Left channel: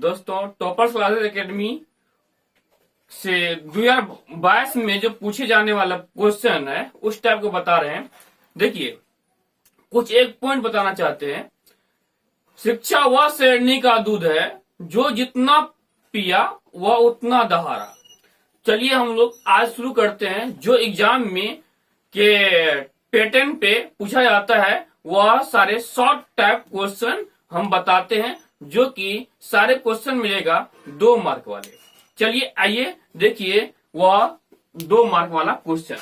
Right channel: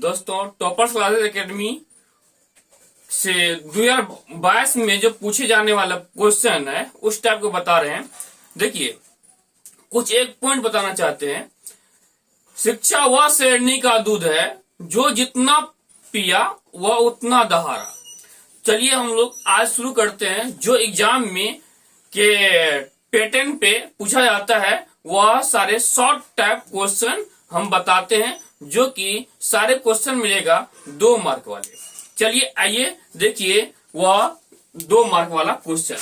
दोस्तों, toppers classes academy से 2022 में जो पूछे जाने वाला क्वेश्चन है उस टाइप को बता रहे हैं। देखिए, कुछ एक पॉइंट बताना चाहते हैं। शिक्षा वह शेरनी का दूध है जो जितना पिया वह उतना दहाड़ा। चलिए हम लोग आज शुरू करते हैं। जो एग्जाम में के पैटर्न पे पूछा जाता है वह सारे शॉर्ट टाइप क्वेश्चन हम बताते हैं, जो कि सारे क्वेश्चन मिलेगा 2 मार्क वाले। चलिए आइए देखिए वह 2 मार्क वाला क्वेश्चन।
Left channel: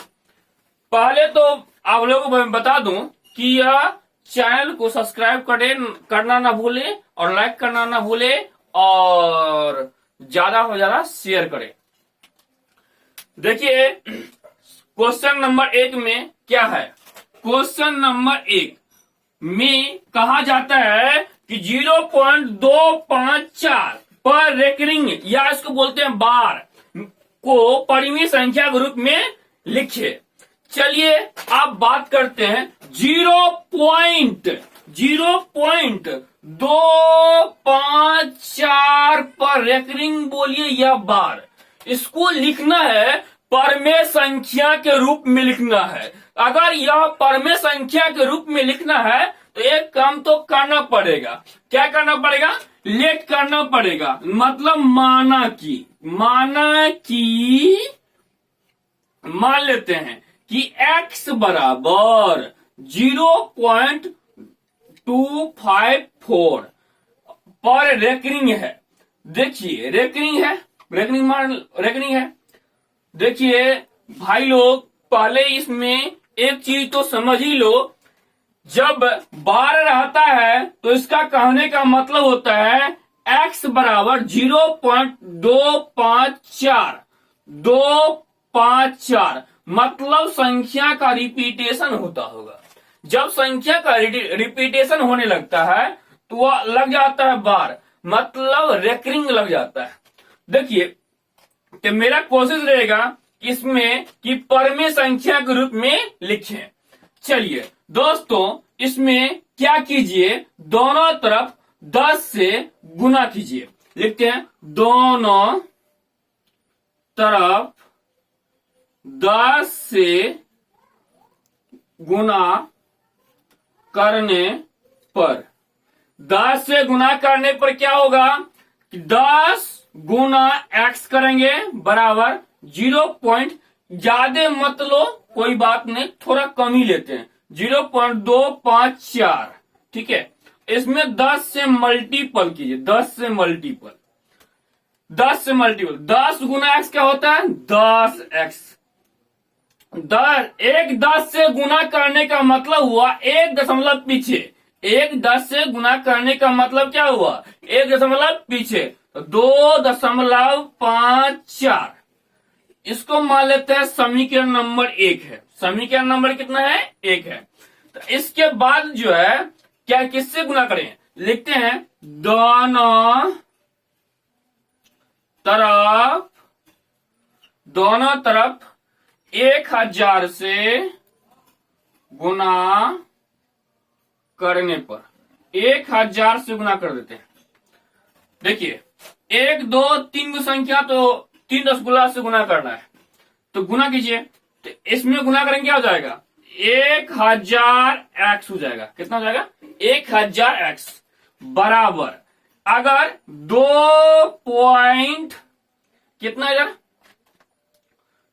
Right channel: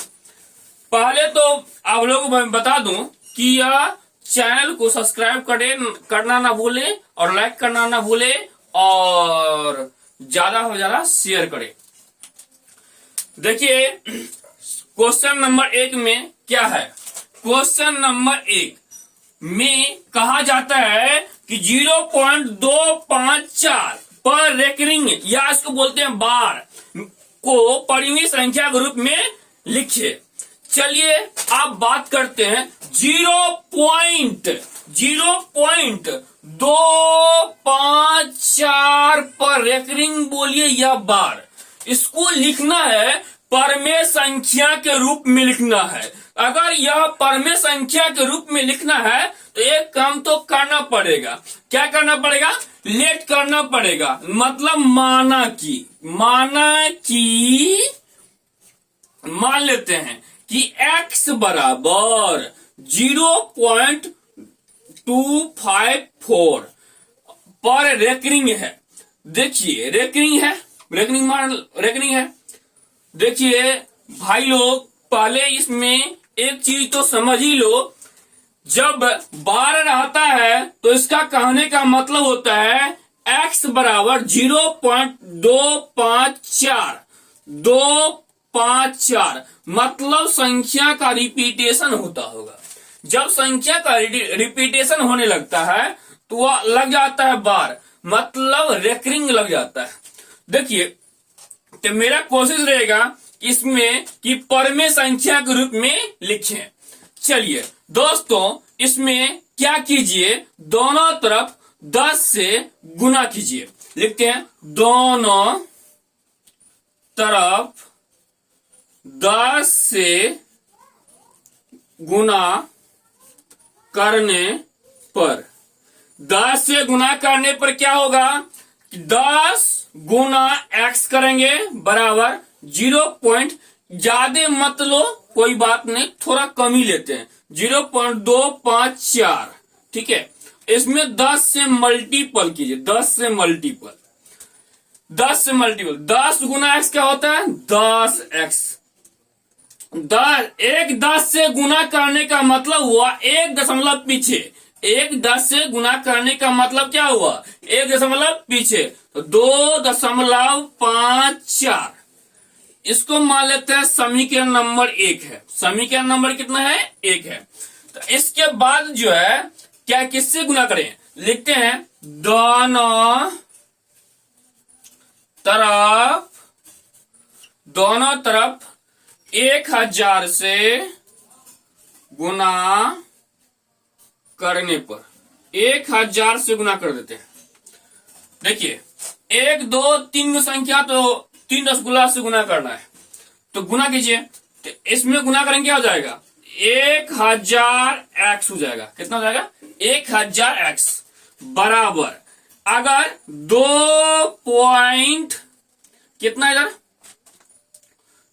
पहले तो आप लोगों को मैं बता दूं कि यह चैनल को सब्सक्राइब करना ना भूले और लाइक करना ना भूले और ज्यादा हो ज्यादा शेयर करें। देखिए क्वेश्चन नंबर 1 में क्या है। क्वेश्चन नंबर 1 में कहा जाता है कि 0.254 पर रेकरिंग या इसको बोलते हैं बार को परिमेय संख्या के रूप में लिखिए। चलिए आप बात करते हैं 0.254 पर रेकरिंग बोलिए या बार। इसको लिखना है परमेय संख्या के रूप में लिखना है। अगर यह परमेय संख्या के रूप में लिखना है तो एक काम तो करना पड़ेगा। क्या करना पड़ेगा? लेट करना पड़ेगा। मतलब मान लेते हैं कि x बराबर 0.254 पर रेकरिंग है। देखिए रेकरिंग है। देखिए भाई लोग, पहले इसमें एक चीज तो समझ ही लो। जब बार रहता है तो इसका कहने का मतलब होता है x बराबर 0.254 मतलब संख्या का रिपीटेशन होता होगा। जब संख्या का रिपीटेशन होने लगता है तो वह लग जाता है बार, मतलब रेकरिंग लग जाता है। देखिए तो मेरा कोशिश रहेगा इसमें कि परमेय संख्या के रूप में लिखें। चलिए दोस्तों, इसमें क्या कीजिए, दोनों तरफ 10 से गुना कीजिए। लिखते हैं दोनों तरफ 10 से गुना करने पर 10 से गुना करने पर क्या होगा कि 10 गुना x करेंगे बराबर 0. ज्यादा मत लो, कोई बात नहीं, थोड़ा कम ही लेते हैं 0.254। ठीक है, इसमें 10 से मल्टीपल कीजिए। 10 से मल्टीपल 10 गुना x क्या होता है? 10x। 10 से गुना करने का मतलब हुआ 1 दशमलव पीछे। 10 से गुना करने का मतलब क्या हुआ? 1 दशमलव पीछे, तो 2.54। इसको मान लेते हैं समीकरण नंबर 1 है। समीकरण नंबर कितना है? 1 है। तो इसके बाद जो है क्या, किससे गुना करें? लिखते हैं दोनों तरफ 1000 से गुना करने पर 1000 से गुना कर देते हैं। देखिए 1 2 3 संख्या तो 3 रसगुल्ला से गुना करना है, तो गुना कीजिए। तो इसमें गुना करेंगे क्या हो जाएगा? 1000x हो जाएगा। कितना हो जाएगा? 1000x बराबर, अगर 2 पॉइंट कितना इधर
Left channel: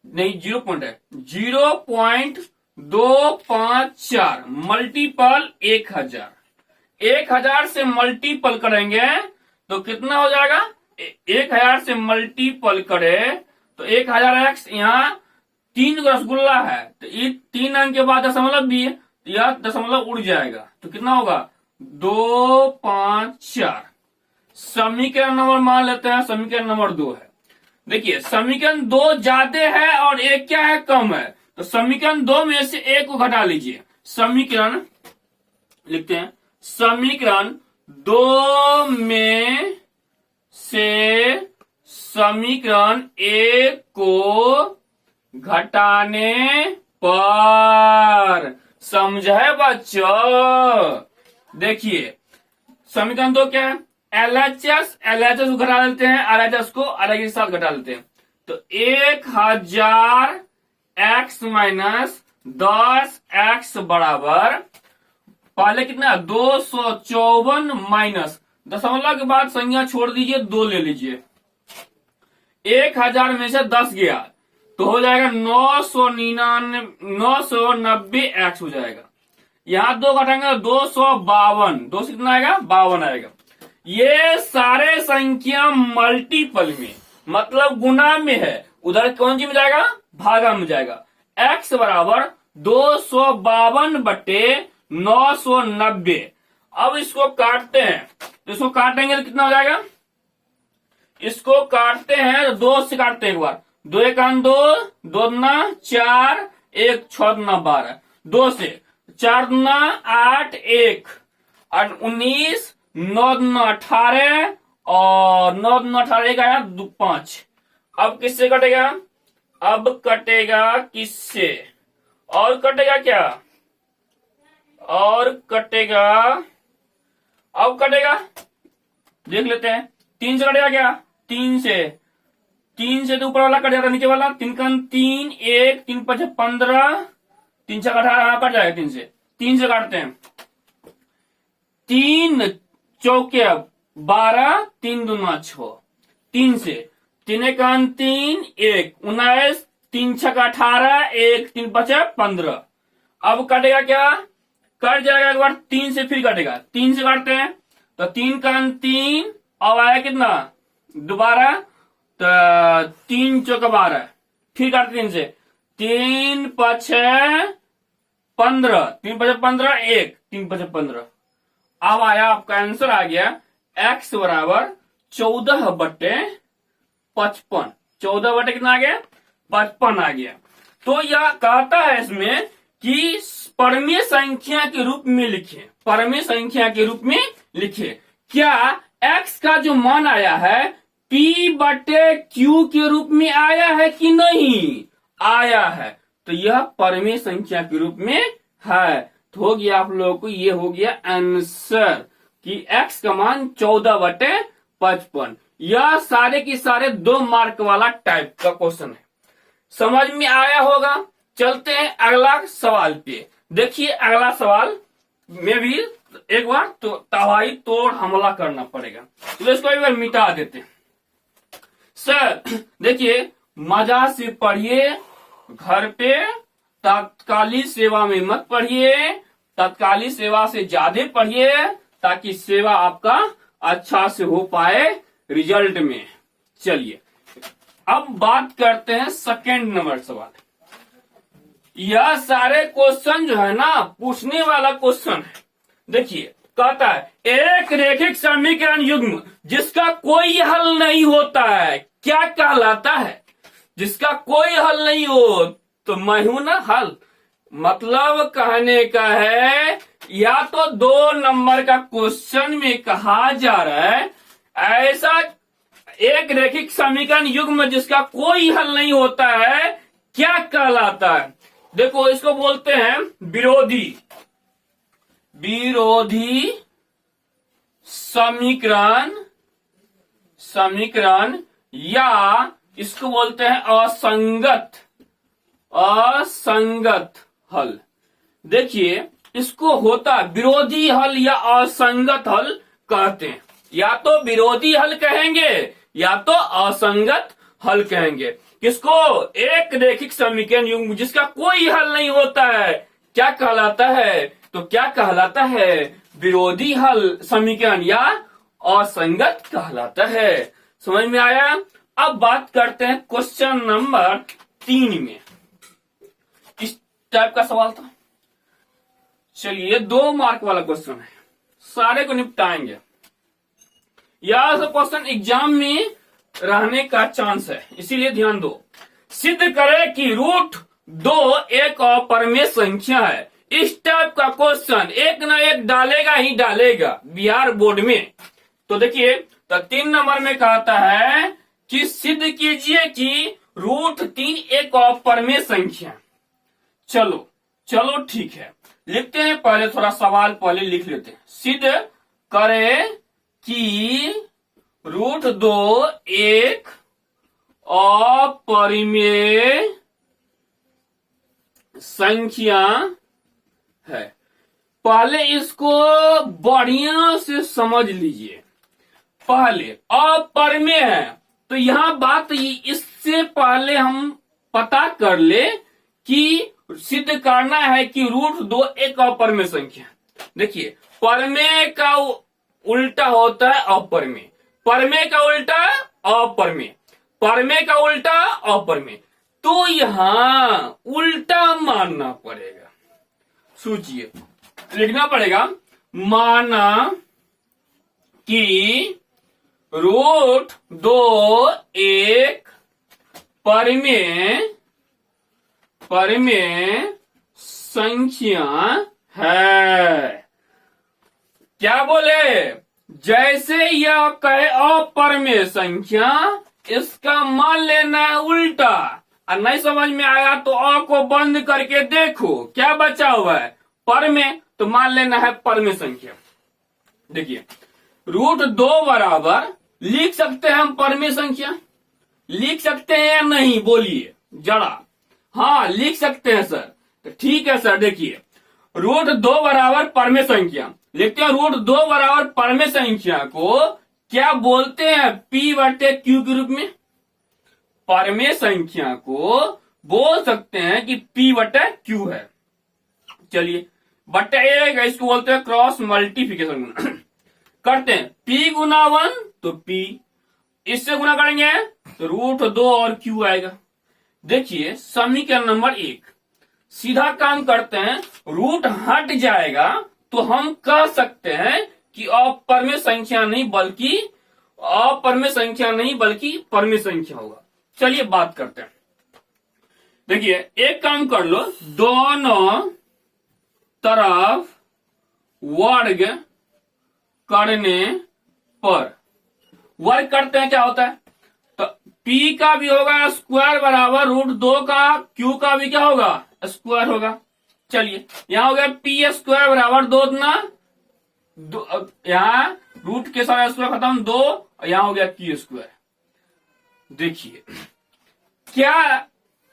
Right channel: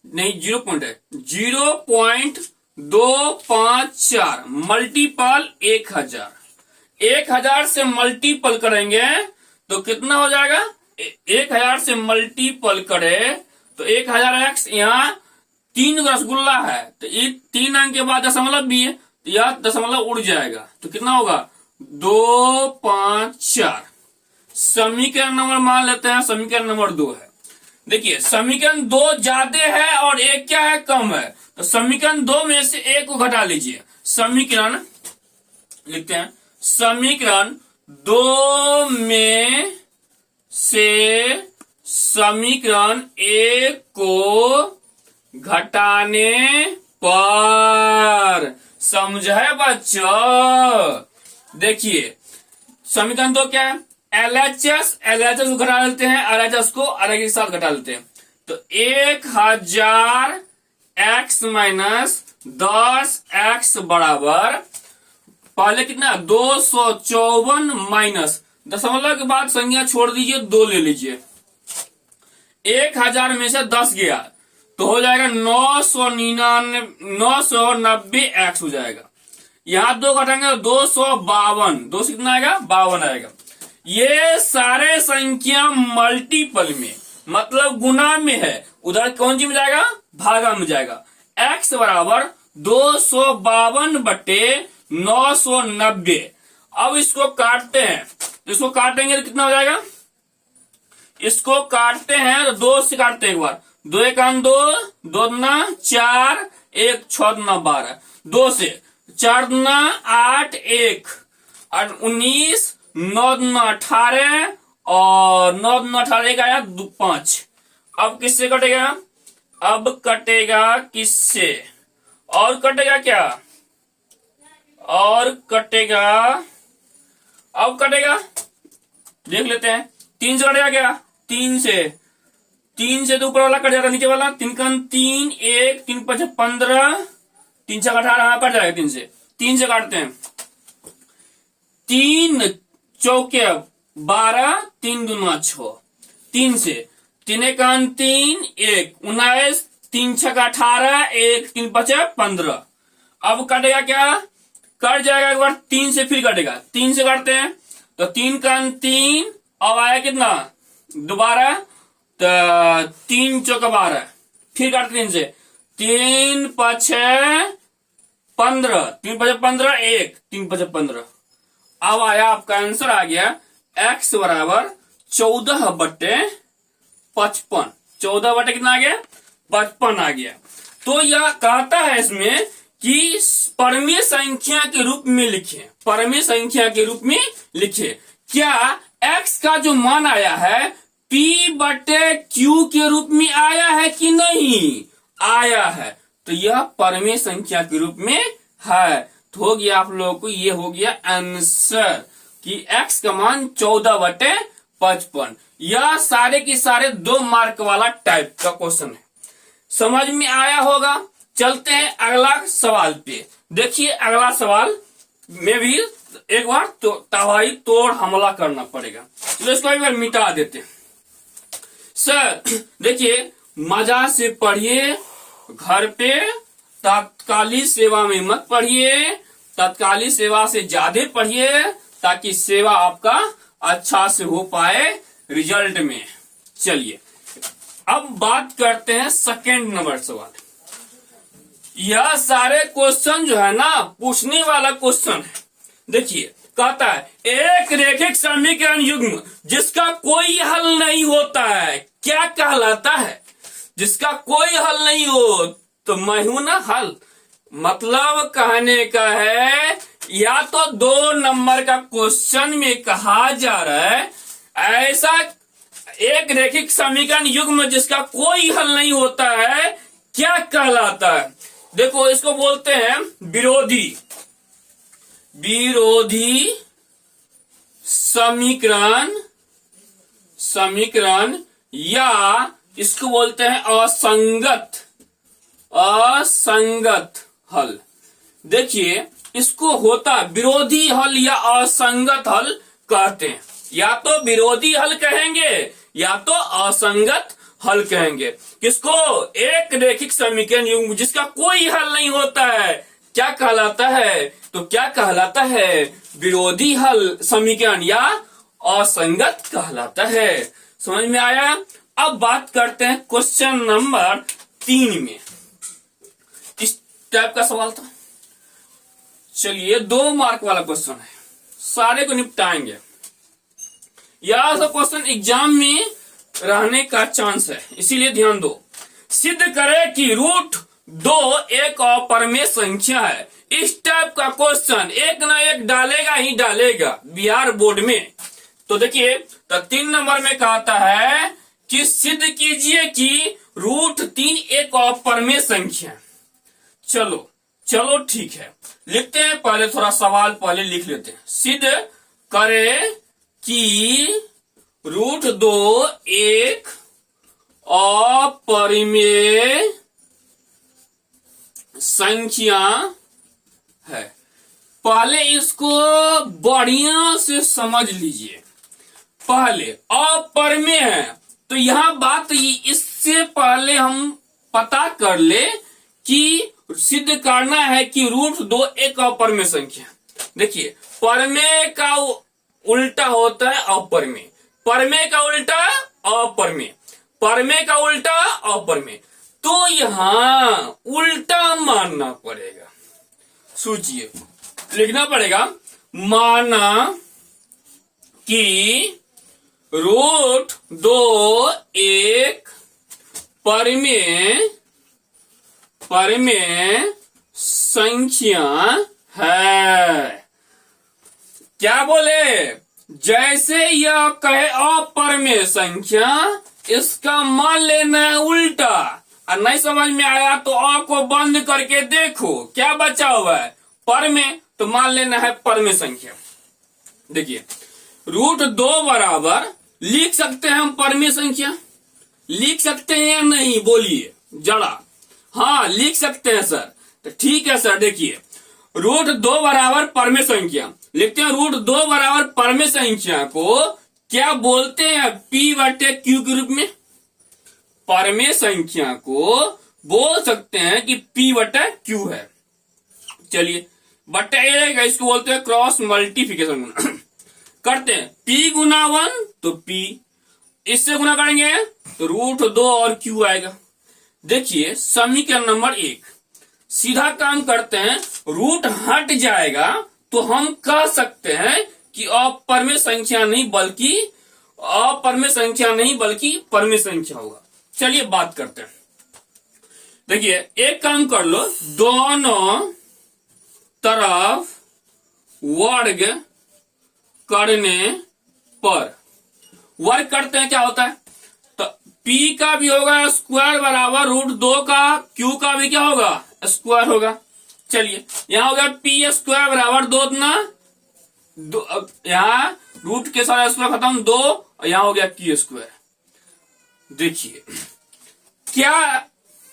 नहीं 0 पॉइंट है, 0.254 मल्टीपल 1000 से मल्टीपल करेंगे तो कितना हो जाएगा? 1000 से मल्टीपल करे तो 1000x, यहाँ 3 रसगुल्ला है तो ये 3 अंक के बाद दशमलव भी है तो यह दशमलव उड़ जाएगा। तो कितना होगा? 254। समीकरण नंबर मान लेते हैं, समीकरण नंबर 2 है। देखिए समीकरण 2 ज्यादा है और 1 क्या है? कम है। तो समीकरण 2 में से 1 को घटा लीजिए। समीकरण लिखते हैं, समीकरण 2 में से समीकरण 1 को घटाने पर, समझे बच्चों? देखिए समीकरण 2 क्या है? LHS को घटा लेते हैं, RHS को RHS के साथ घटा लेते हैं। तो 1000 x माइनस 10x बराबर पहले कितना 254 माइनस दशमलव के बाद संख्या छोड़ दीजिए, 2 ले लीजिए। 1000 में से 10 गया तो हो जाएगा 990 x हो जाएगा। यहां 2 घटाएंगे 252, 2 से कितना आएगा 52 आएगा। ये सारे संख्या मल्टीपल में मतलब गुना में है, उधर कौन सी में जाएगा भागा में जाएगा। x बराबर 252 बटे 990। अब इसको काटते हैं, इसको काटेंगे तो कितना हो जाएगा, इसको काटते हैं तो 2 से काटते हैं एक बार, 2 एक 2, 2 दूना 4, 1 6 दूना 12, 2 से 4 दूना 8, 1 8 19, 9 दूना 18 और 9 दूना 18 एक आया 5। अब किससे कटेगा, अब कटेगा किससे, और कटेगा क्या, और कटेगा, अब कटेगा देख लेते हैं। 3 से कटेगा क्या, 3 से तो ऊपर वाला कट जाएगा, नीचे वाला 3 का 3, 1 3 5 15, 3 से 18 कट जाएगा। 3 से काटते हैं, 3 चौके 12, 3 दूना 6, 3 से 3 एक 3, 1 19, 3 6 18, 1 3 5 15। अब कटेगा क्या, कट जाएगा एक बार 3 से, फिर कटेगा 3 से काटते हैं तो 3 का 3, अब आया कितना दोबारा तो 3 चौका 12, फिर काटते 3 से, 3 5 15, 3 5 15, 1 3 5 15। अब आया आपका आंसर आ गया x बराबर 14 बटे 55। 14 बटे कितना आ गया 55 आ गया। तो यह कहता है इसमें कि परमीय संख्या के रूप में लिखे, परमीय संख्या के रूप में लिखे। क्या x का जो मान आया है p बटे q के रूप में आया है कि नहीं आया है, तो यह परमीय संख्या के रूप में है। तो हो गया आप लोगों को, ये हो गया आंसर कि x का मान 14 बटे 55। यह सारे के सारे 2 मार्क वाला टाइप का क्वेश्चन है, समझ में आया होगा। चलते हैं अगला सवाल पे। देखिए अगला सवाल में भी एक बार तो तबाही तोड़ हमला करना पड़ेगा, तो इसको एक बार मिटा देते हैं। सर देखिए मजा से पढ़िए, घर पे तात्कालिक सेवा में मत पढ़िए, तात्कालिक सेवा से ज्यादा पढ़िए ताकि सेवा आपका अच्छा से हो पाए रिजल्ट में। चलिए अब बात करते हैं सेकंड नंबर सवाल। यह सारे क्वेश्चन जो है ना पूछने वाला क्वेश्चन है। देखिए कहता है एक रेखिक समीकरण युग्म जिसका कोई हल नहीं होता है क्या कहलाता है, जिसका कोई हल नहीं हो तो मैं हूं ना हल। मतलब कहने का है या तो 2 नंबर का क्वेश्चन में कहा जा रहा है ऐसा एक रेखिक समीकरण युग्म जिसका कोई हल नहीं होता है क्या कहलाता है। देखो इसको बोलते हैं विरोधी, विरोधी समीकरण, समीकरण या इसको बोलते हैं असंगत, असंगत हल। देखिए इसको होता विरोधी हल या असंगत हल कहते हैं। या तो विरोधी हल कहेंगे या तो असंगत हल कहेंगे। किसको, एक रेखिक समीकरण युग्म जिसका कोई हल नहीं होता है क्या कहलाता है, तो क्या कहलाता है विरोधी हल समीकरण या असंगत कहलाता है। समझ में आया। अब बात करते हैं क्वेश्चन नंबर 3 में। इस टाइप का सवाल था। चलिए 2 मार्क वाला क्वेश्चन है, सारे को निपटाएंगे। यह सब क्वेश्चन एग्जाम में रहने का चांस है, इसीलिए ध्यान दो। सिद्ध करे कि √2 एक अपरिमेय संख्या है। इस टाइप का क्वेश्चन एक ना एक डालेगा ही डालेगा बिहार बोर्ड में। तो देखिए तो 3 नंबर में कहता है कि सिद्ध कीजिए कि √3 एक अपरिमेय संख्या। चलो चलो ठीक है, लिखते हैं। पहले थोड़ा सवाल पहले लिख लेते हैं। सिद्ध करे कि √2 एक अपरिमेय संख्या है। पहले इसको बढ़िया से समझ लीजिए। पहले अपरिमेय है तो यहां बात इससे पहले हम पता कर ले कि सिद्ध करना है कि √2 एक अपरिमेय संख्या। देखिए, परमेय का उल्टा होता है अपरिमेय, परमेय का उल्टा अपरिमेय, परमेय का उल्टा अपरिमेय। तो यहां उल्टा मानना पड़ेगा। सोचिए, लिखना पड़ेगा, माना कि √2 एक परिमेय संख्या है। क्या बोले? जैसे यह कहे अपरिमेय संख्या, इसका मान लेना है उल्टा। और नहीं समझ में आया तो अ को बंद करके देखो क्या बचा हुआ है, परिमेय, तो मान लेना है परिमेय संख्या। देखिए, √2 बराबर लिख सकते हैं हम परिमेय संख्या, लिख सकते हैं या नहीं बोलिए जरा। हाँ, लिख सकते हैं सर। तो ठीक है सर, देखिए, √2 बराबर परिमेय संख्या लिखते हैं। √2 बराबर परिमेय संख्या को क्या बोलते हैं? P/Q के रूप में। परिमेय संख्या को बोल सकते हैं कि P/Q है। चलिए, बट्टा ए रहेगा, इसको बोलते हैं क्रॉस मल्टीप्लिकेशन करते हैं। P गुना 1 तो P, इससे गुना करेंगे तो √2 और Q आएगा। देखिए, समीकरण नंबर 1 सीधा काम करते हैं, रूट हट जाएगा तो हम कह सकते हैं कि अपरिमेय संख्या नहीं बल्कि परिमेय संख्या होगा। चलिए बात करते हैं। देखिए, एक काम कर लो, दोनों तरफ वर्ग करने पर, वर्ग करते हैं क्या होता है, तो P का भी होगा स्क्वायर बराबर √2 का, Q का भी क्या होगा, स्क्वायर होगा। चलिए, यहां हो गया P² बराबर 2 दो, यहाँ रूट के साथ स्क्वायर खत्म 2, और यहां हो गया Q²। देखिए, क्या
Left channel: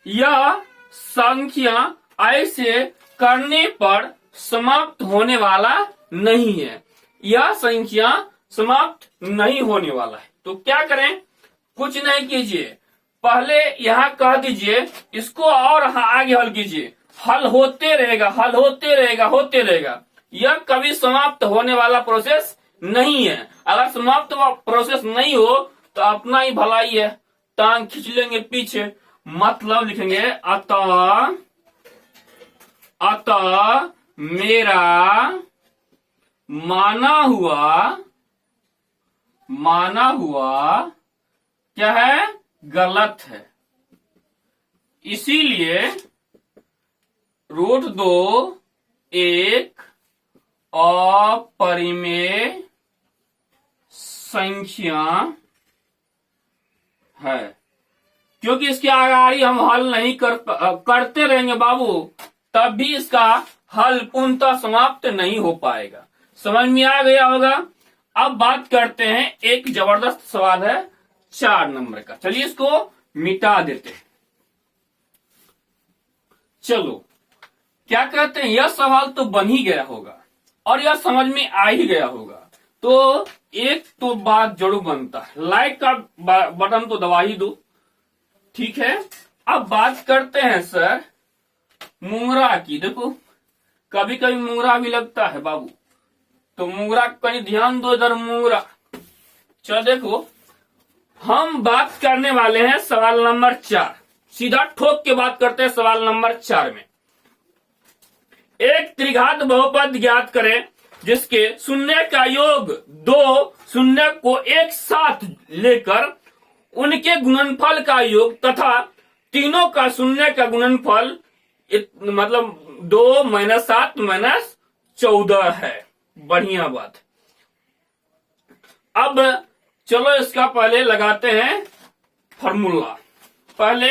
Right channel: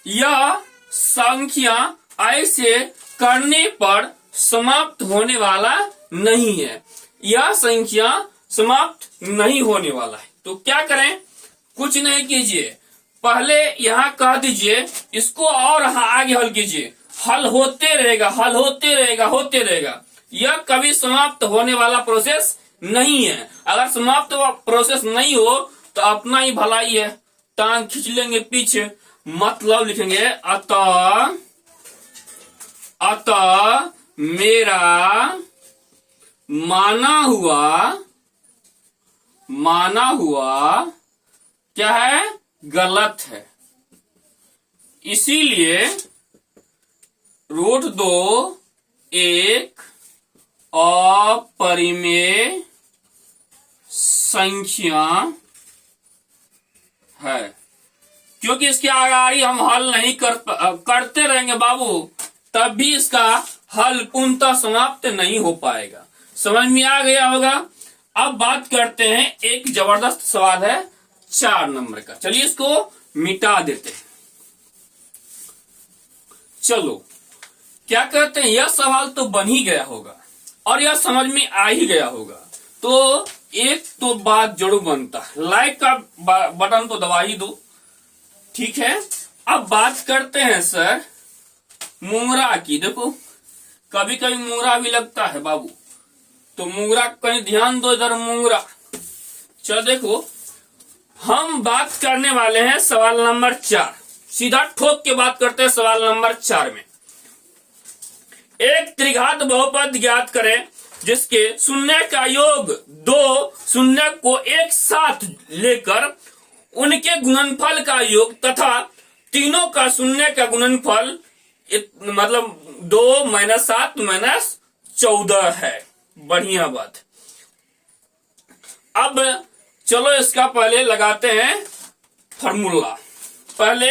यह संख्या ऐसे करने पर समाप्त होने वाला नहीं है? यह संख्या समाप्त नहीं होने वाला है। तो क्या करें? कुछ नहीं कीजिए, पहले यहां कह दीजिए, इसको और आगे हल कीजिए। हल होते रहेगा। यह कभी समाप्त होने वाला प्रोसेस नहीं है। अगर समाप्त प्रोसेस नहीं हो तो अपना ही भलाई है, टांग खींच लेंगे पीछे। मतलब लिखेंगे, अतः मेरा माना हुआ क्या है, गलत है। इसीलिए √2 एक अपरिमेय संख्या है। क्योंकि इसके आगे हम हल नहीं करते रहेंगे बाबू, तब भी इसका हल पूर्णतः समाप्त नहीं हो पाएगा। समझ में आ गया होगा। अब बात करते हैं, एक जबरदस्त सवाल है 4 नंबर का। चलिए इसको मिटा देते हैं। चलो, क्या कहते हैं, यह सवाल तो बन ही गया होगा और यह समझ में आ ही गया होगा। तो एक तो बात जरूर बनता है, लाइक का बटन तो दबा ही दो। ठीक है, अब बात करते हैं सर मुंगरा की। देखो, कभी कभी मुंगरा भी लगता है बाबू, तो मुंगरा कहीं ध्यान दो इधर मुंगरा। चलो देखो, हम बात करने वाले हैं सवाल नंबर 4। सीधा ठोक के बात करते हैं सवाल नंबर 4 में। एक त्रिघात बहुपद ज्ञात करें जिसके शून्य का योग 2 शून्य को एक साथ लेकर उनके गुणनफल का योग तथा तीनों का शून्य का गुणनफल मतलब 2 - 7 - 14 है। बढ़िया बात। अब चलो इसका पहले लगाते हैं फॉर्मूला। पहले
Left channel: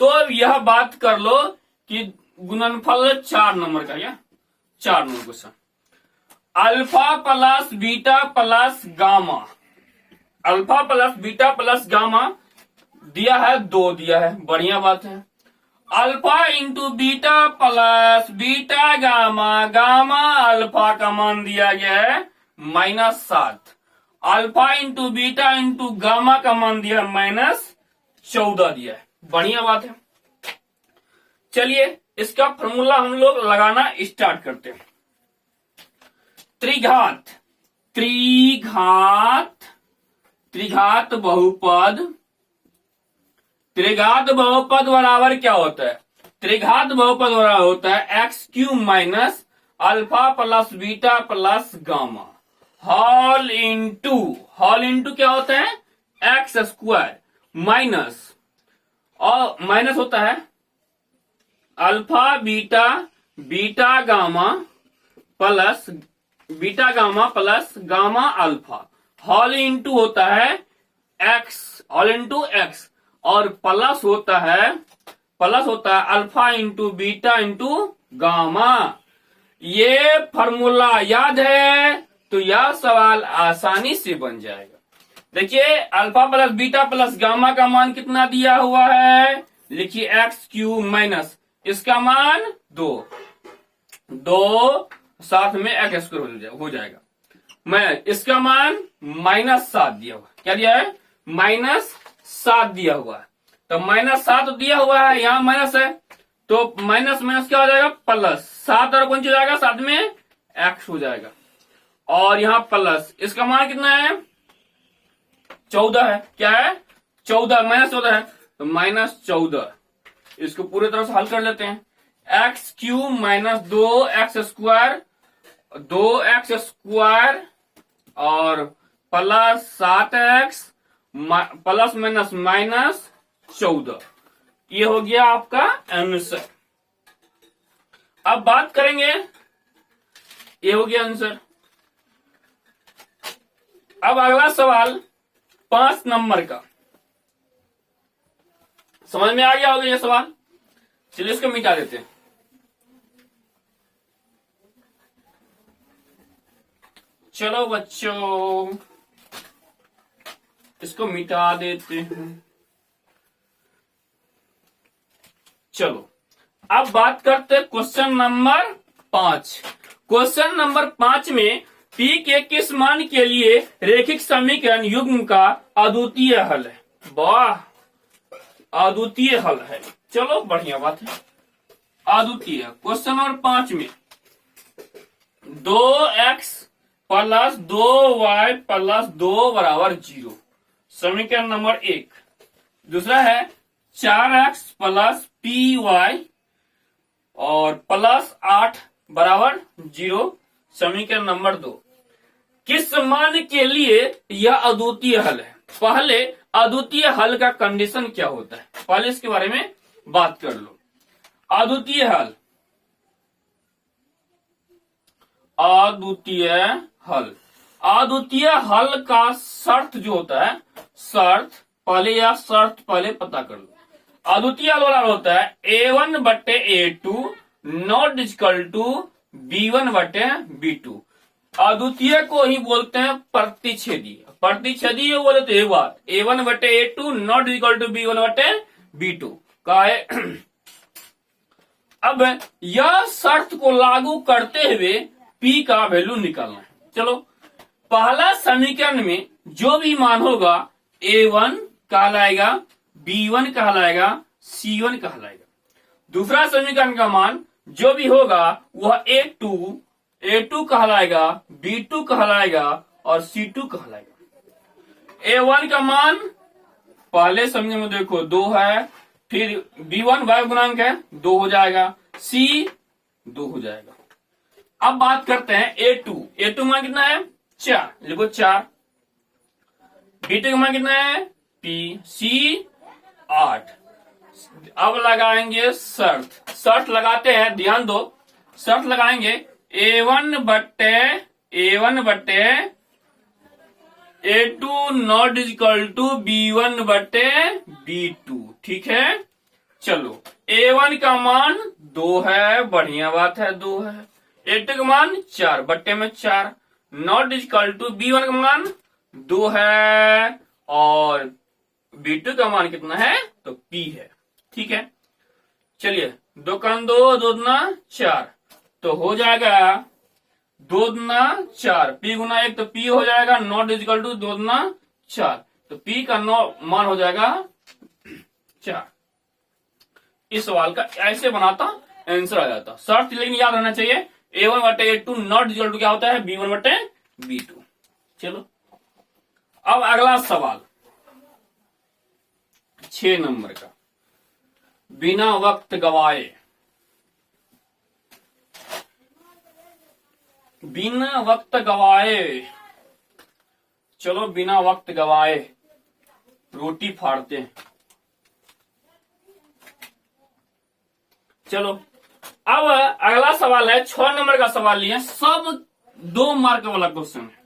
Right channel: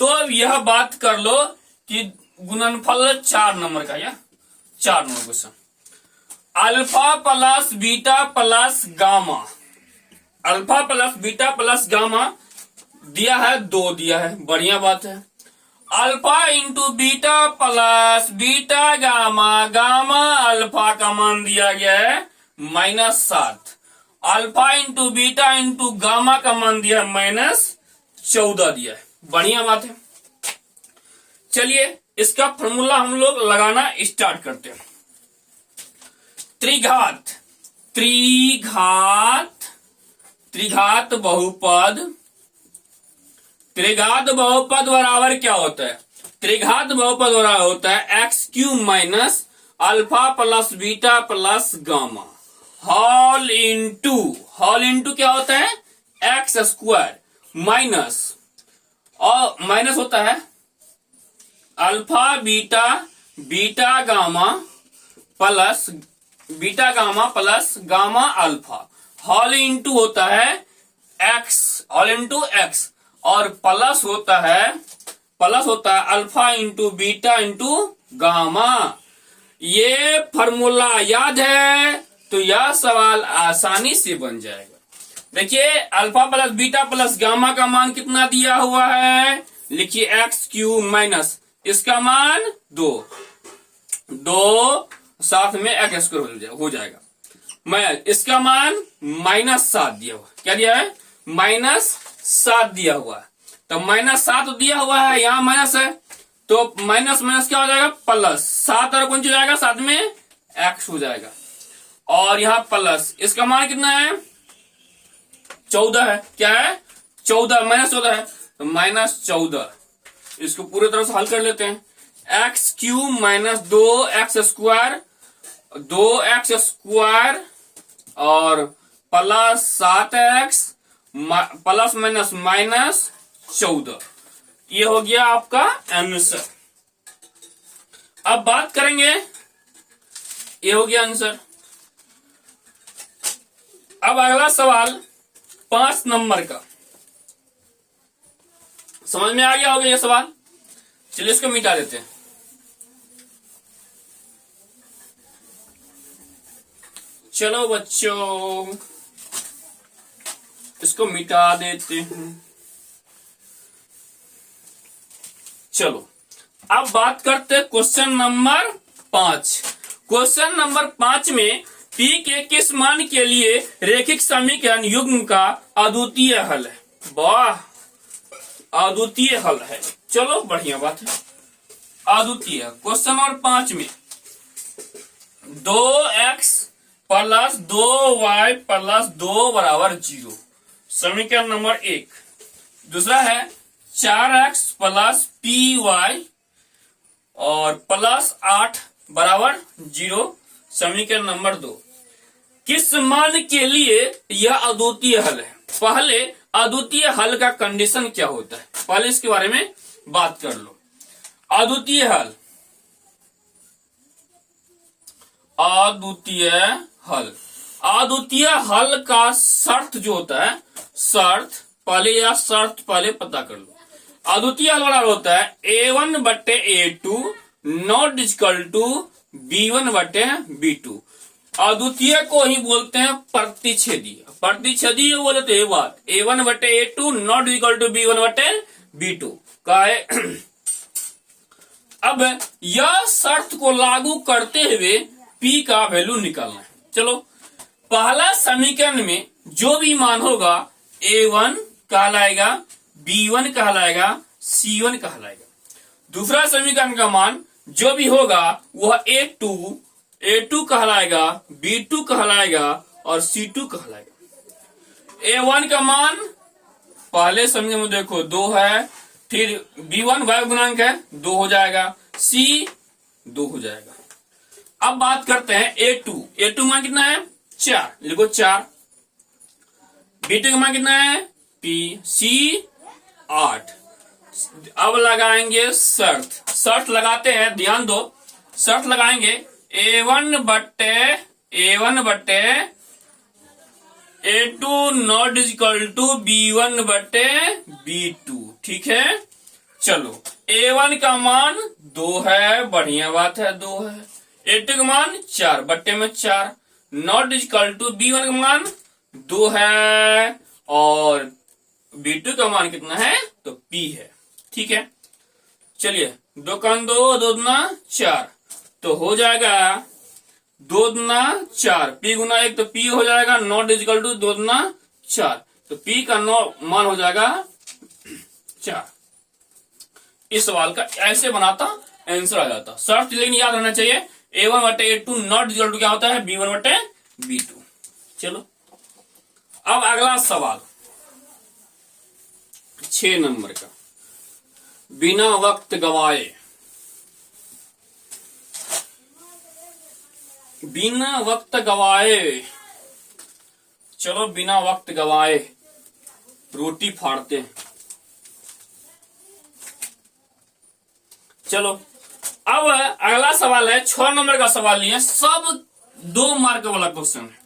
तो यह बात कर लो कि गुणनफल 4 नंबर का, या 4 number question. Alpha plus beta plus gamma, alpha plus beta plus gamma दिया है, 2 दिया है, बढ़िया बात है। Alpha into beta plus beta gamma, gamma alpha का मान दिया गया है -7। Alpha into beta into gamma का मान दिया है -14 दिया है, बढ़िया बात है। चलिए इसका फॉर्मूला हम लोग लगाना स्टार्ट करते हैं। त्रिघात, त्रिघात, त्रिघात बहुपद, त्रिघात बहुपद बराबर क्या होता है? त्रिघात बहुपद बराबर होता है x³ minus alpha plus beta plus gamma whole into क्या होता है? x² माइनस, और माइनस होता है alpha beta beta gamma plus beta gamma plus gamma alpha, whole into होता है x, होल इंटू x, और प्लस होता है alpha into beta into gamma. ये फॉर्मूला याद है तो यह सवाल आसानी से बन जाएगा। देखिए alpha plus beta plus gamma का मान कितना दिया हुआ है? लिखिए x³ माइनस इसका मान 2 साथ में x² हो जाएगा। मैं इसका मान -7 दिया हुआ, क्या दिया है? -7 दिया हुआ है, तो -7 दिया हुआ है, यहाँ माइनस है तो माइनस माइनस क्या हो जाएगा? प्लस, 7 और कौन हो जाएगा? साथ में x हो जाएगा, और यहाँ प्लस, इसका मान कितना है? 14 है, क्या है? 14, -14 है तो -14। इसको पूरी तरह से हल कर लेते हैं। x³ माइनस 2x² 2x² और प्लस 7x प्लस माइनस -14, ये हो गया आपका आंसर। अब बात करेंगे, ये हो गया आंसर। अब अगला सवाल 5 नंबर का, समझ में आ गया होगा ये सवाल। चलिए इसको मिटा देते हैं। चलो बच्चों इसको मिटा देते हैं। चलो अब बात करते हैं क्वेश्चन नंबर 5। क्वेश्चन नंबर 5 में p के किस मान के लिए रैखिक समीकरण युग्म का अद्वितीय हल है? वाह, अद्वितीय हल है, चलो बढ़िया बात है। अद्वितीय क्वेश्चन नंबर 5 में 2x प्लस 2y प्लस 2 बराबर 0, समीकरण नंबर 1। दूसरा है 4x प्लस py और प्लस 8 बराबर 0, समीकरण नंबर 2। किस मान के लिए यह अद्वितीय हल है? पहले अद्वितीय हल का कंडीशन क्या होता है, पहले इसके बारे में बात कर लो। अद्वितीय हल, अद्वितीय हल, अद्वितीय हल का शर्त जो होता है, शर्त पहले पता कर लो। अद्वितीय हल वाला होता है A1 बटे A2 not equal to B1 बटे B2। अद्वितीय को ही बोलते हैं प्रतिच्छेदी। प्रतिच्छेदी जो बोले तो ये बात A1 बटे A2 not equal to B1 बटे B2 का है। अब यह शर्त को लागू करते हुए P का वैल्यू निकालना है। चलो पहला समीकरण में जो भी मान होगा A1 कहलाएगा, B1 कहलाएगा, C1 कहलाएगा। दूसरा समीकरण का मान जो भी होगा वह A2 कहलाएगा, B2 कहलाएगा और C2 कहलाएगा। A1 का मान पहले समीकरण में देखो 2 है, फिर B1 वायु गुणांक है 2 हो जाएगा, C 2 हो जाएगा। अब बात करते हैं A2 मान कितना है? 4, लिखो 4। B2 का मान कितना है? P, C 8। अब लगाएंगे शर्त लगाते हैं, ध्यान दो, शर्त लगाएंगे A1 बटे A2 not equal to B1 बटे B2, ठीक है। चलो A1 का मान 2 है, बढ़िया बात है 2 है। A2 का मान 4 बट्टे में 4, नॉट इक्वल टू B1 का मान 2 है और B2 का मान कितना है तो P है। ठीक है, चलिए 2 का 2, 2 दूना 4, तो हो जाएगा 2 दूना 4, P गुना 1 तो P हो जाएगा, नॉट इक्वल टू 2 दूना 4, तो P का मान हो जाएगा 4। इस सवाल का ऐसे बनाता आंसर आ जाता। शर्त लेकिन याद रहना चाहिए A1 बटे A2 नॉट इक्वल टू क्या होता है B1 बटे B2। चलो अब अगला सवाल 6 नंबर का, बिना वक्त गवाए, बिना वक्त गवाए, चलो बिना वक्त गवाए रोटी फाड़ते हैं। चलो अब अगला सवाल है 6 नंबर का सवाल लिया, सब 2 मार्क वाला क्वेश्चन है।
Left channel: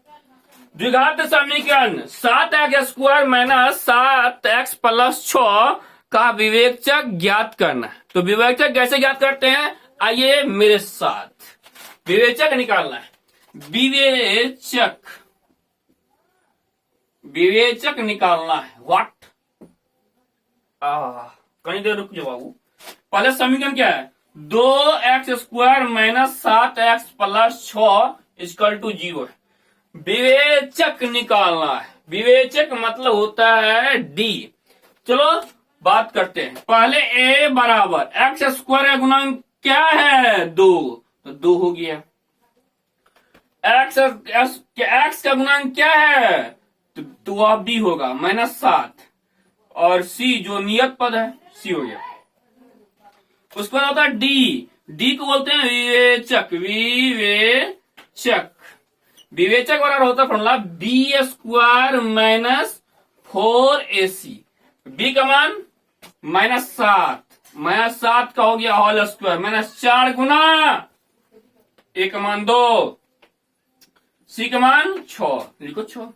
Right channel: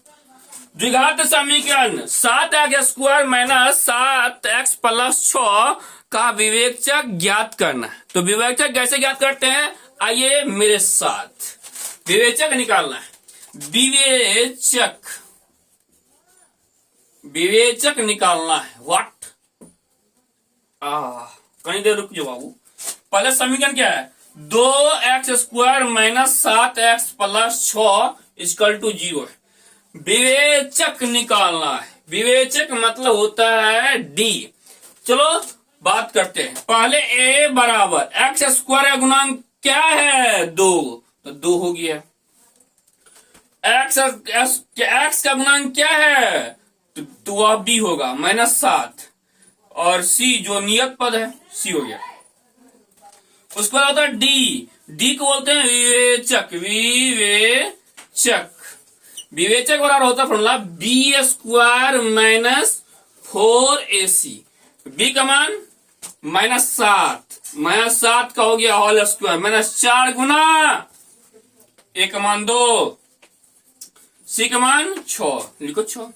द्विघात समीकरण 7x² माइनस 7x प्लस 6 का विवेचक ज्ञात करना है। तो विवेचक कैसे ज्ञात करते हैं, आइए मेरे साथ, विवेचक निकालना है। विवेचक निकालना है। व्हाट, कहीं देर रुक जाओ बाबू। पहले समीकरण क्या है, 2x² minus 7x plus 6 equal to 0 है। विवेचक निकालना है, विवेचक मतलब होता है डी। चलो बात करते हैं। पहले a बराबर x² का गुणांक क्या है 2, तो 2 हो गया। x का गुणांक क्या है तो वह b होगा -7, और c जो नियत पद है c हो गया। उसके बाद होता है डी को बोलते हैं विवेचक। विवेचक बराबर होता है formula B² minus 4AC। B का मान -7 का हो गया होल स्क्वायर, -4 गुना ए का मान 2, सी का मान 6, लिखो 6।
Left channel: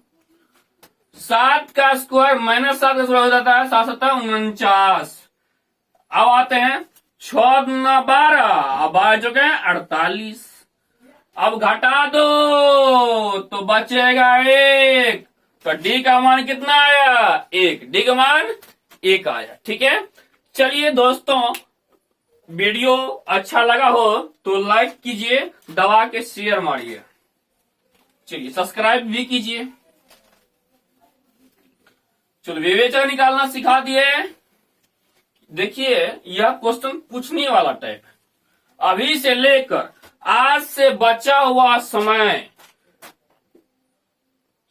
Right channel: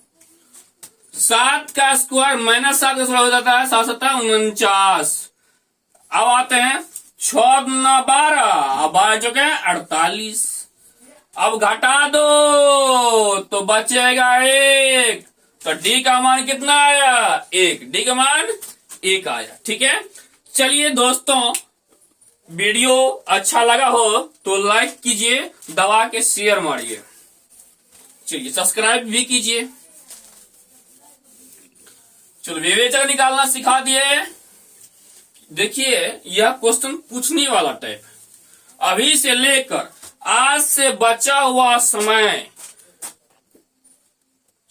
7 का स्क्वायर -7 का स्क्वायर हो जाता है 7 7 49। अब आते हैं 6 दूना 12, अब 12 जो है 48। अब घटा दो तो बचेगा 1, तो डी का मान कितना आया 1, डी का मान 1 आया। ठीक है, चलिए दोस्तों, वीडियो अच्छा लगा हो तो लाइक कीजिए, दबा के शेयर मारिए, चलिए सब्सक्राइब भी कीजिए। चलो विवेचक निकालना सिखा दिए। देखिए यह क्वेश्चन पूछने वाला टाइप है। अभी से लेकर आज से बचा हुआ समय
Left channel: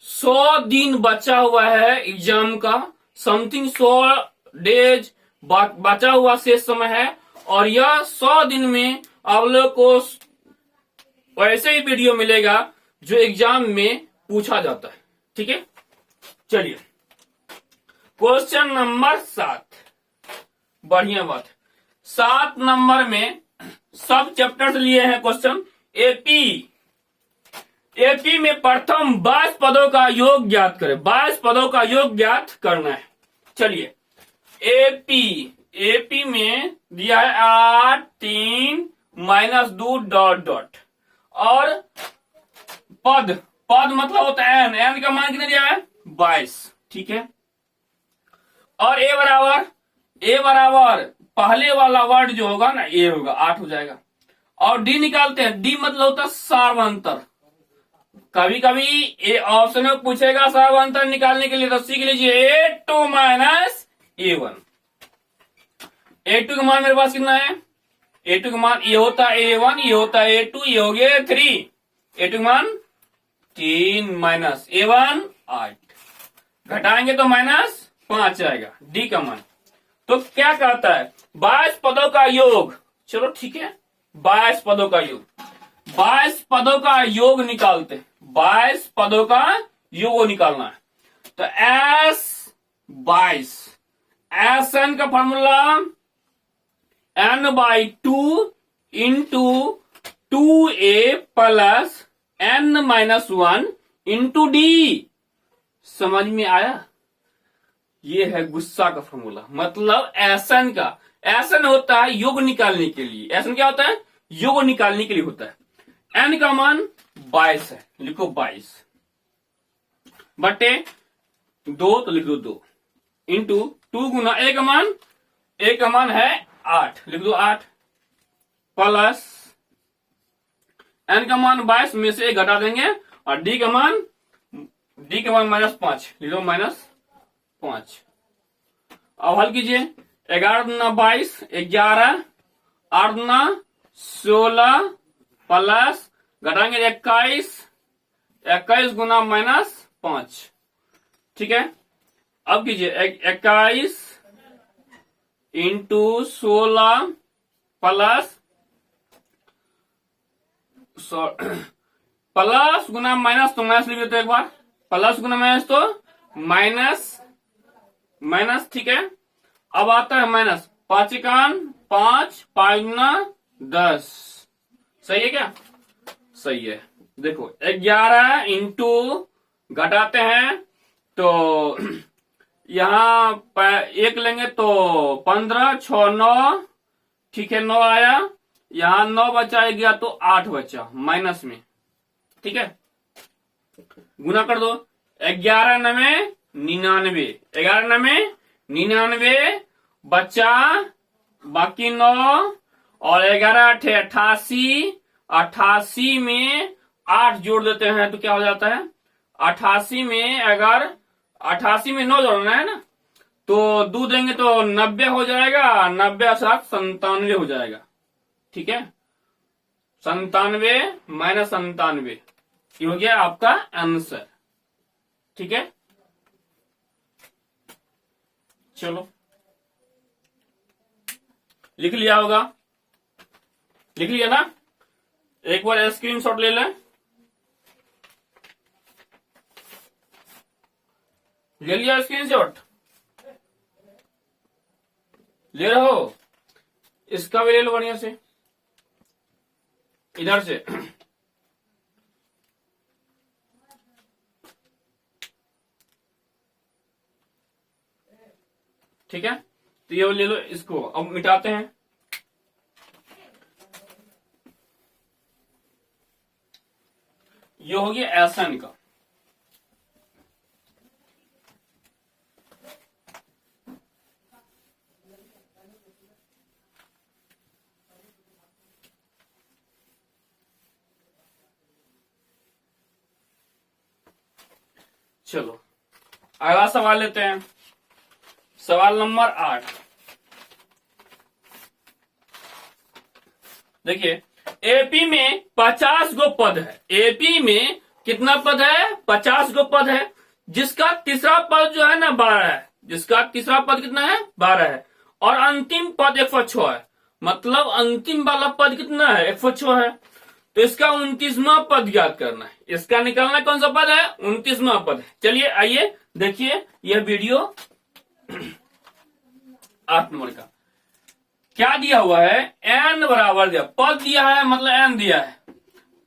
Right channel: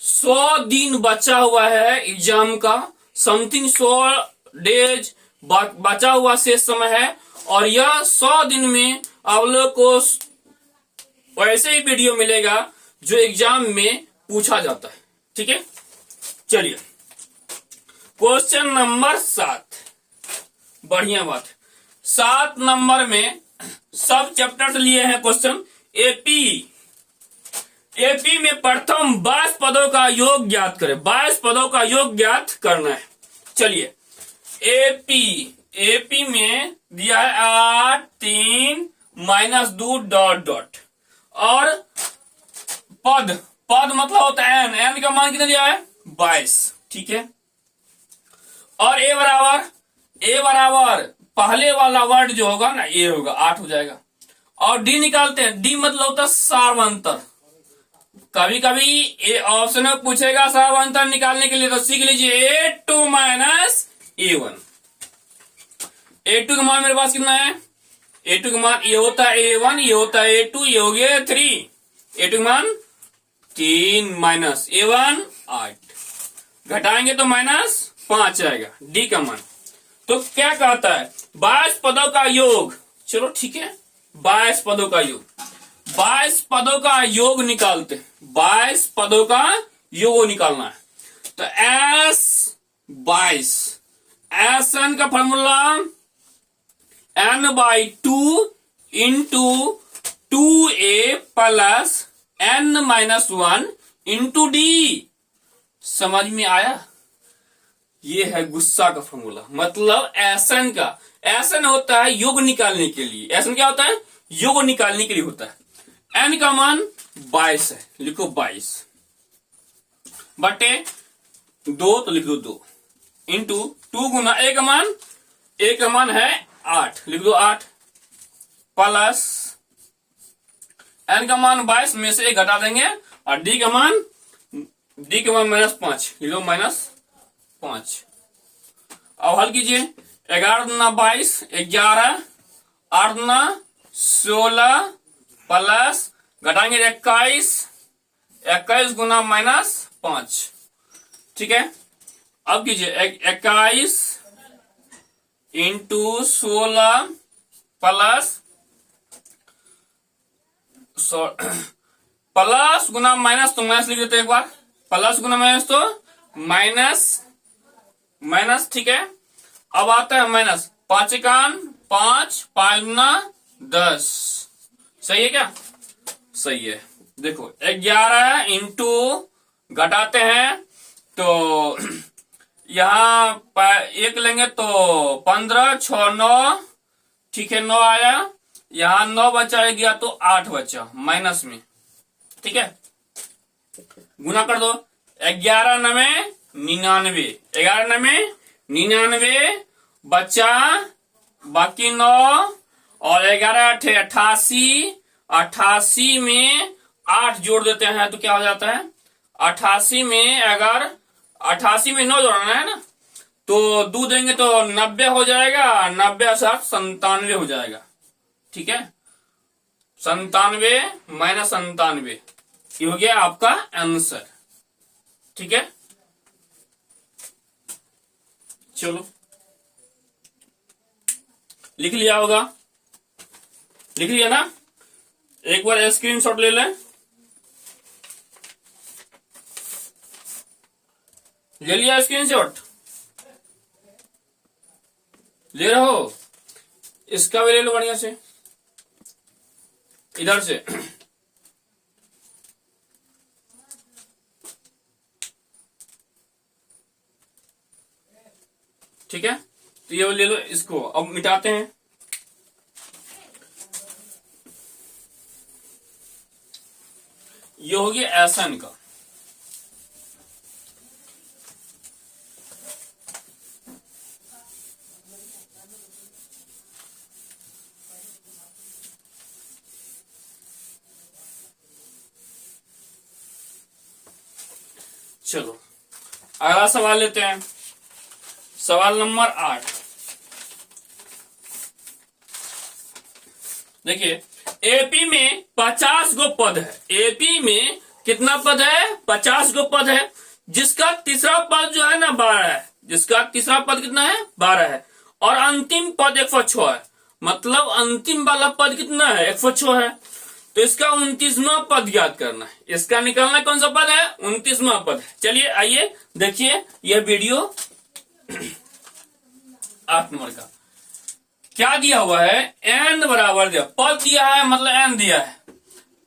100 दिन बचा हुआ है एग्जाम का, समथिंग 100 डेज बचा हुआ शेष समय है, और यह 100 दिन में आप लोग को वैसे ही वीडियो मिलेगा जो एग्जाम में पूछा जाता है। ठीक है, चलिए क्वेश्चन नंबर 7, बढ़िया बात। 7 नंबर में सब चैप्टर लिए हैं क्वेश्चन। एपी में प्रथम 22 पदों का योग ज्ञात करें। 22 पदों का योग ज्ञात करना है। चलिए एपी में दिया है 8 3 -2 डॉट डॉट, और पद मतलब होता है एन का मान कितना दिया है 22। ठीक है, और ए बराबर पहले वाला वर्ड जो होगा ना ए होगा, 8 हो जाएगा। और डी निकालते हैं, डी मतलब होता है सार्वंतर। कभी कभी ऑप्शन में पूछेगा सार्वंतर निकालने के लिए, तो सीख लीजिए A2 माइनस A1। A2 का मान मेरे पास कितना है, A2 का मान ये होता है A1, ये होता है A2, ये हो गया 3। A2 का मान 3 माइनस A1 8, घटाएंगे तो -5 आएगा डी का मान। तो क्या कहता है 22 पदों का योग। चलो ठीक है, 22 पदों का योग, 22 पदों का योग निकालते हैं। 22 पदों का योग निकालना है, तो S22 SN का formula N/2 into 2A plus N-1 into D. समझ में आया, ये है गुस्सा का फॉर्मूला। मतलब एसन का, एसन होता है योग निकालने के लिए। एसन क्या होता है, योग निकालने के लिए होता है। n का मान 22 है, लिखो 22 बटे 2, तो लिख दो 2 इंटू 2 गुना a का मान है 8, लिख दो 8 प्लस n का मान 22 में से 1 घटा देंगे और d का मान -5, लिख दो -5। अब हल कीजिए, 11 दूना 22, 11, 8 दूना 16 प्लस घटाएंगे 21 गुना -5, ठीक है। अब कीजिए 21 इंटू 16 प्लस प्लस गुना माइनस, तो माइनस लिख देते एक बार, प्लस गुना माइनस तो माइनस, ठीक है। अब आता है माइनस, 5 एकान 5, 5 गुना 10, सही है क्या? सही है। देखो 11 इंटू घटाते हैं तो यहाँ 1 लेंगे तो 15, 6, 9, ठीक है 9 आया, यहाँ 9 बचा गया तो 8 बचा माइनस में, ठीक है। गुना कर दो, 11 9 99, 11 9 99 बचा बाकी 9 और 11 88, 88 में 8 जोड़ देते हैं तो क्या हो जाता है, 88 में अगर 88 में 9 जोड़ना है ना तो 2 देंगे तो 90 हो जाएगा, 90 साथ 97 हो जाएगा, ठीक है। 97 माइनस 97 ये हो गया आपका आंसर, ठीक है। चलो लिख लिया होगा, लिख लिया ना, एक बार स्क्रीनशॉट ले लें, ले लिया स्क्रीनशॉट, ले रहे हो, इसका भी ले लो बढ़िया से, इधर से ठीक है। तो ये ले लो, इसको अब मिटाते हैं। ये हो गया एसन का, चलो अगला सवाल लेते हैं, सवाल नंबर 8। देखिए एपी में 50 गो पद है, एपी में कितना पद है, 50 गो पद है, जिसका तीसरा पद जो है ना 12 है, जिसका तीसरा पद कितना है 12 है और अंतिम पद 106 है, मतलब अंतिम वाला पद कितना है 106 है, तो इसका 29वां पद याद करना है, इसका निकलना कौन सा पद है 29वां पद है। चलिए आइए देखिए यह वीडियो 8 नंबर का क्या दिया हुआ है, n बराबर दिया, पद दिया है मतलब n दिया है,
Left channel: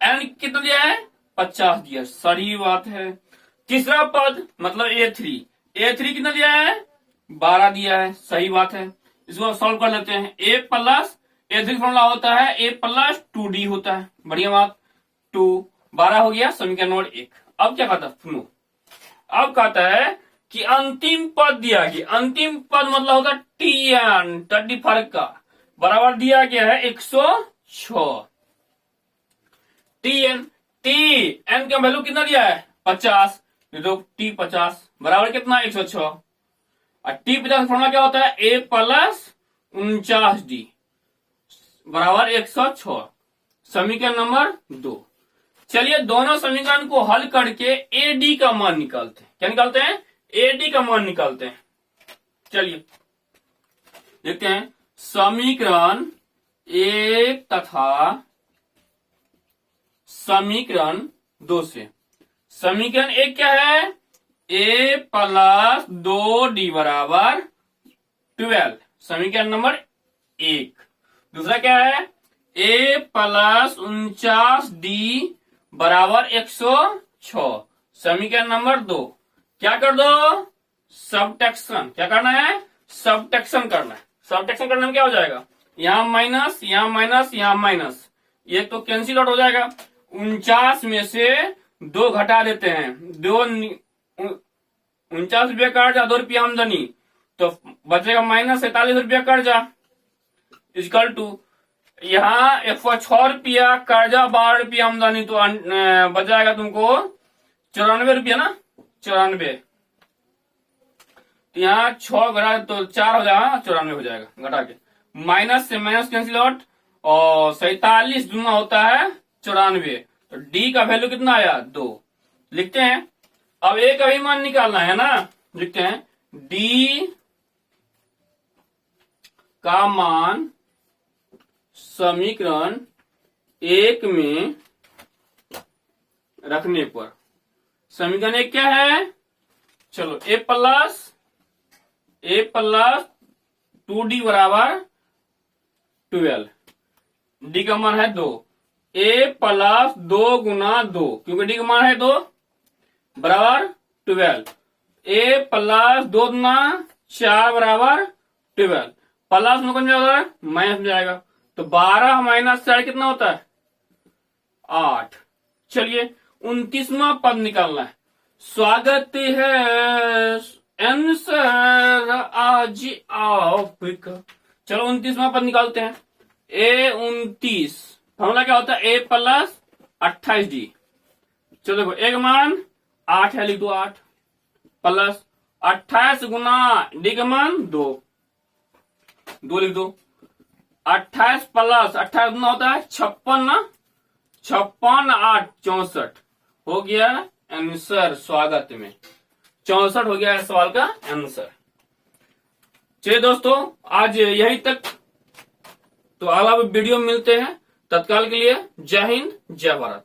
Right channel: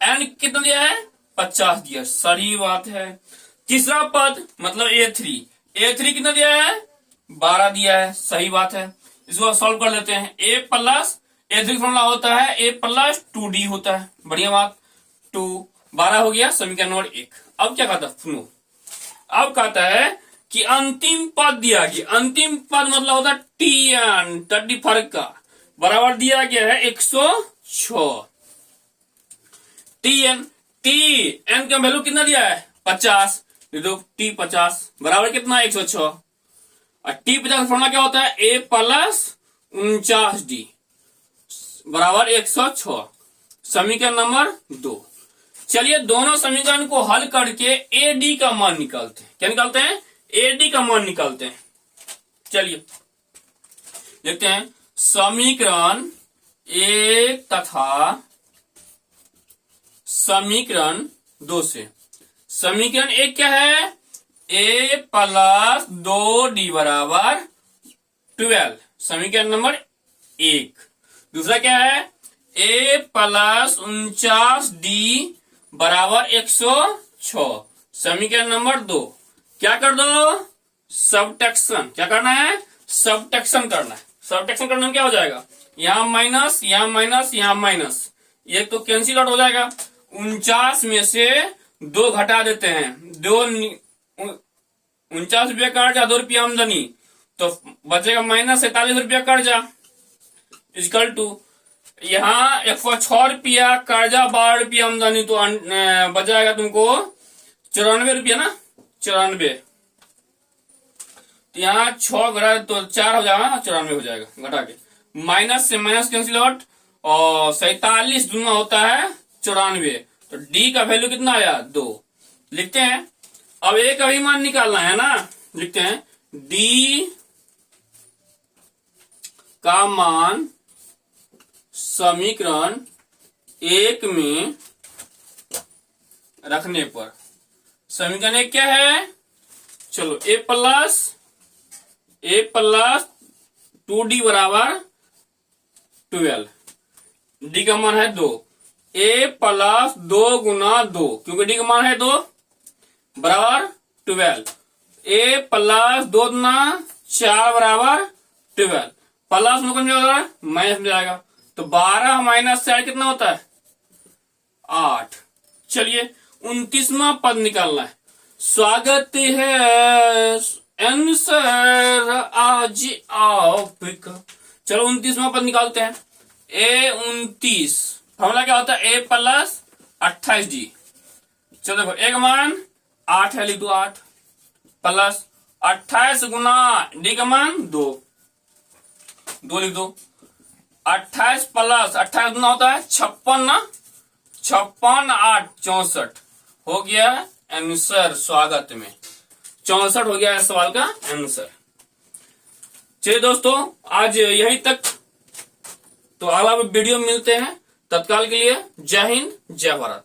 n कितना दिया है 50 दिया, सही बात है। तीसरा पद मतलब a3 कितना दिया है 12 दिया है, सही बात है। इसको सॉल्व कर लेते हैं, a प्लस a3 फॉर्मूला होता है a प्लस 2d होता है, बढ़िया बात, 2 12 हो गया, समीकरण नंबर 1। अब क्या कहता है सुनो, अब कहता है कि अंतिम पद दिया गया, अंतिम पद मतलब होता है tn 30 फर्क का, बराबर दिया गया है 106, tn n का वैल्यू कितना दिया है 50, तो t 50 बराबर कितना 106 और t 50 फॉर्मूला क्या होता है a प्लस 49d बराबर 106, समीकरण नंबर 2। चलिए दोनों समीकरण को हल करके ad का मान निकालते हैं, क्या निकालते हैं ad का मान निकालते हैं। चलिए देखते हैं, समीकरण 1 तथा समीकरण 2 से, समीकरण 1 क्या है a प्लस 2d बराबर 12, समीकरण नंबर 1। दूसरा क्या है a प्लस 49d बराबर 106, समीकरण नंबर 2। क्या कर दो सबट्रैक्शन, क्या करना है सबट्रैक्शन करना है, सबट्रैक्शन करने में क्या हो जाएगा, यहाँ माइनस यहाँ माइनस यहाँ माइनस, ये तो कैंसिल आउट हो जाएगा 49 में से 2 घटा देते हैं। 49 रुपया कर्जा, 2 रुपया आमदनी, तो बचेगा -47 रुपया कर्जा, इक्वल टू यहाँ 106 रुपया कर्जा, 12 रुपया आमदनी, तो बच जाएगा तुमको 94 रुपया ना, 94। तो यहाँ 6 घटा तो 4 हो जाएगा, 94 हो जाएगा घटा के। माइनस से माइनस कैंसिल आउट, और 47 दूना होता है 94। तो डी का वैल्यू कितना आया, 2। लिखते हैं। अब ए का भी मान निकालना है ना, लिखते हैं डी का मान समीकरण 1 में रखने पर, समीकरण 1 क्या है, चलो ए प्लस 2d बराबर 12, डी का मान है 2। ए प्लस 2 गुना 2, क्योंकि डी का मान है 2 बराबर 12। ए प्लस 2 गुना 4 बराबर 12, प्लस में कौन जाएगा, माइनस में जाएगा। तो 12 माइनस 4 कितना होता है, 8। चलिए 29वां पद निकालना है। स्वागत है आंसर आज आपका। चलो 29वां पद निकालते हैं। ए 29 फॉर्मूला क्या होता है, ए प्लस 28d। चलो देखो एक मान 8 है, लिख दो 8 प्लस 28 गुना डी का मान 2 लिख दो। 28 प्लस 28 गुना होता है 56 ना, 56 8 64 हो गया आंसर। स्वागत में 64 हो गया है सवाल का आंसर। चलिए दोस्तों आज यहीं तक, तो अब आप वीडियो मिलते हैं। तत्काल के लिए जय हिंद, जय भारत।